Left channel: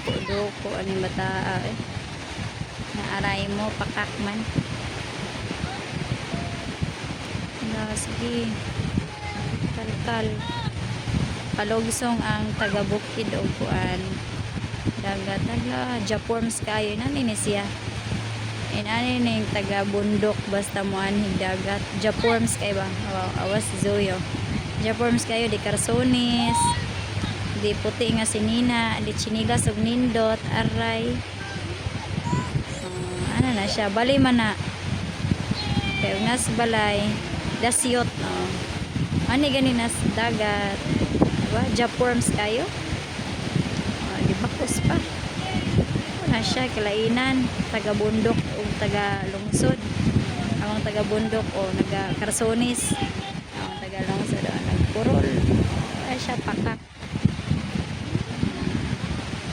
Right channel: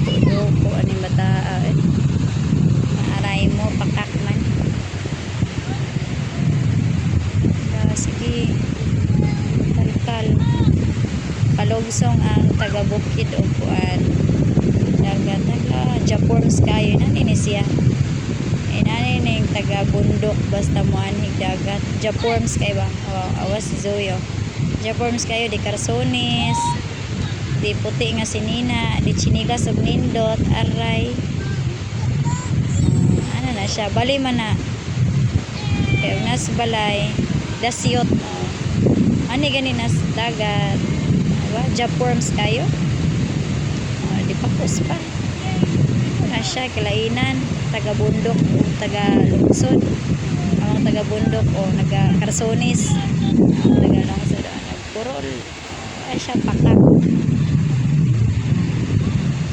duko ani mata naaray mo pakak man. Sige kalkal palogsong ang taga bukid o kuan dagat taga Japorms kayo nani ni siya inani ning taga bundok basta mo anhig dagat Japorms kay ba awas Zoyo Japorms kayo di Carsones di puti nga sinina di chinilas ug nindot aray ano na siya balay man na kaya nas balay dasyot ani gani nas dagat diba Japorms kayo di pakos pa na siya kilainan taga bundok o taga lungsod ang taga bundok o naga Carsones ang taga lungsod nagpurol ay siya pakak